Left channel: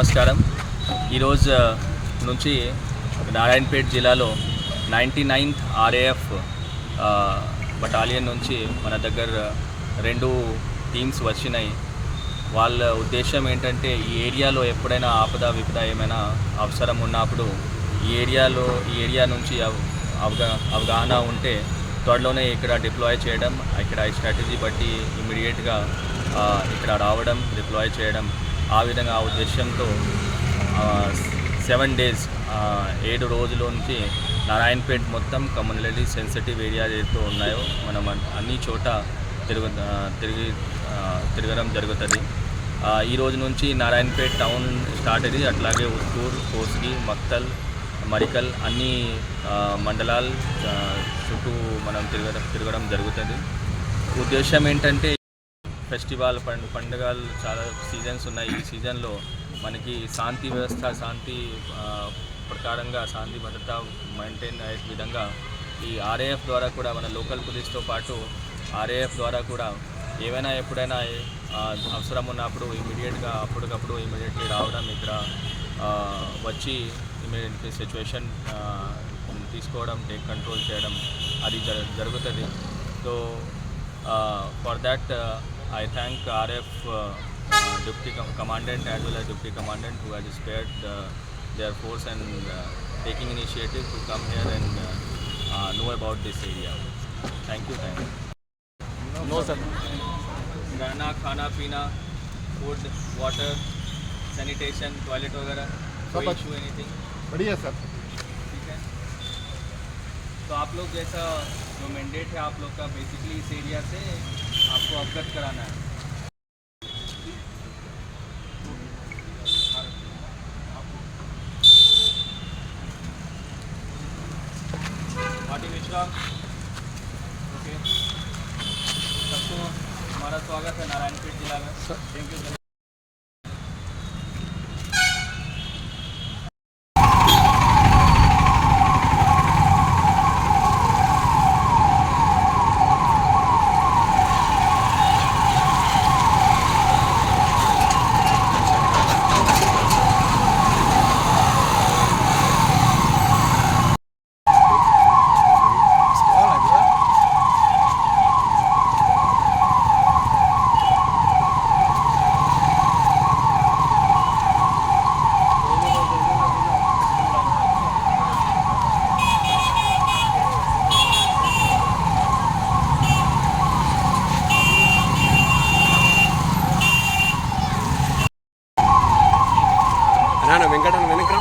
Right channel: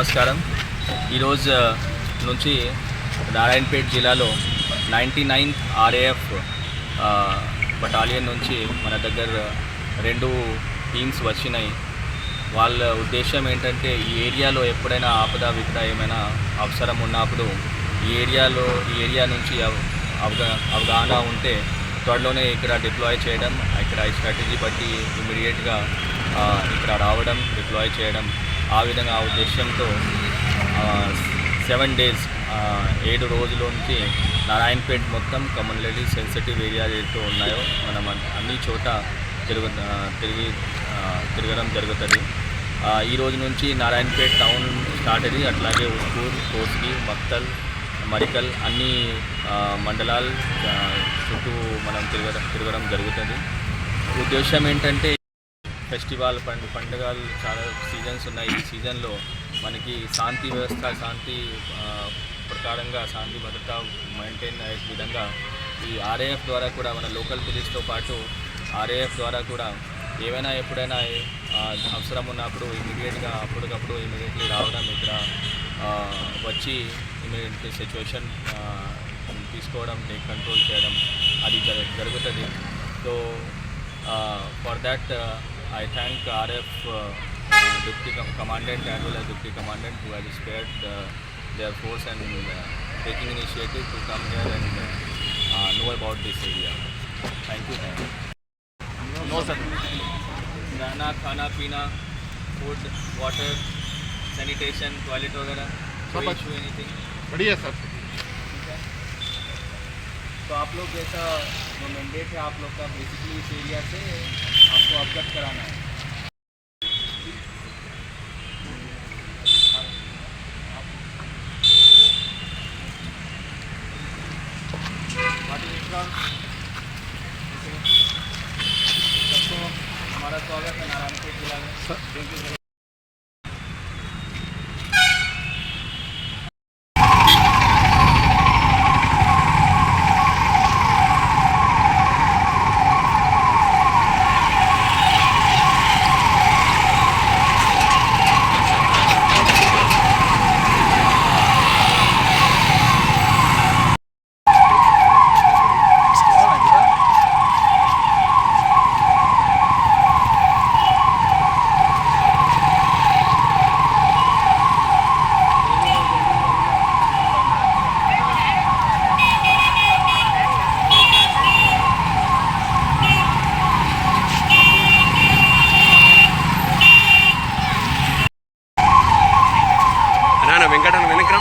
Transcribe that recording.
నమస్కారం. ఈరోజు నుంచి నారాయణపేట జిల్లాలో 99th RAF బటాలియన్ నుంచి మన దగ్గర 2 టీమ్స్ వచ్చినాయి. వాళ్ళ ఉద్దేశం ఏంటంటే ఈ ఏరియాలో ఎప్పుడైనా ఆపద విపద ఏమైనా అవసరం ఉన్నప్పుడు ఈ ఏరియా నుంచి అవగాహన ఉంటే త్వరలోనే ఇక్కడ డిప్లాయ్ చేయడం, ఇక్కడ ఈ స్ట్రాటజీ బట్టి ఇమీడియట్గా ఇక్కడ రావడం, డిప్లాయ్ చేయడం, ఆ విధంగా ఆ ఉద్దేశంతో 7 days 7 రోజుల నుంచి నారాయణపేట మొత్తం కమ్యూనిటీ సెన్సిటివ్ ఏరియా ఏదైతే ఉన్నాయో మనం అన్ని చోట తిరగడం జరుగుతుంది. ఈ రోజు నుంచి నారాయణపేట టౌన్ స్టార్ట్ అయ్యి అట్లాగే ఉస్కూర్, కోస్గి, మక్తల్, మరికల్ అన్ని మండలాలు చుట్టూ మనం తిరగడం జరుగుతుంది. ఉద్దేశం ఏంటంటే ఫెస్టివల్ పండుగలు చాలా సీజన్స్ ఉన్నాయి. ఈ సీజన్లో మనకి శాంతి ప్రకారంగా శాంతి భద్రత మెయింటైన్ అయ్యే విధంగా ఈ RAF ద్వారా కూడా మన లోకల్ పోలీస్తో పాటు RAF ద్వారా కూడా ఏవైనా ఎప్పుడైనా అవసరం ఉన్నప్పుడు అప్పటికప్పుడు ఇమీడియట్లీ రావడం, ఇక్కడ వచ్చి ఇమీడియట్లీ సిచ్యువేషన్ తీసుకోవడం, టేక్ కంట్రోల్ చేయడం అది జరుగుతుంది. So for that I thank RF Deputy Commandant as well as Deputy Commandant who has spared their force and taking initiative to come here and know about this area. Thank you. No sir. रहना, खाना पीना, food, water, sanitation, toilet वगैरह कोई issue anything बढ़िया sir. ठीक है. तो आप लोग जैसा जो मैंडेट है आप लोग का बेसिकली इस एरिया से आपको अवगत कराना है. सबको हमारा स्वागत है नारायणपेट जिला में. Thank you. వెంకటన్న వెనక్రా.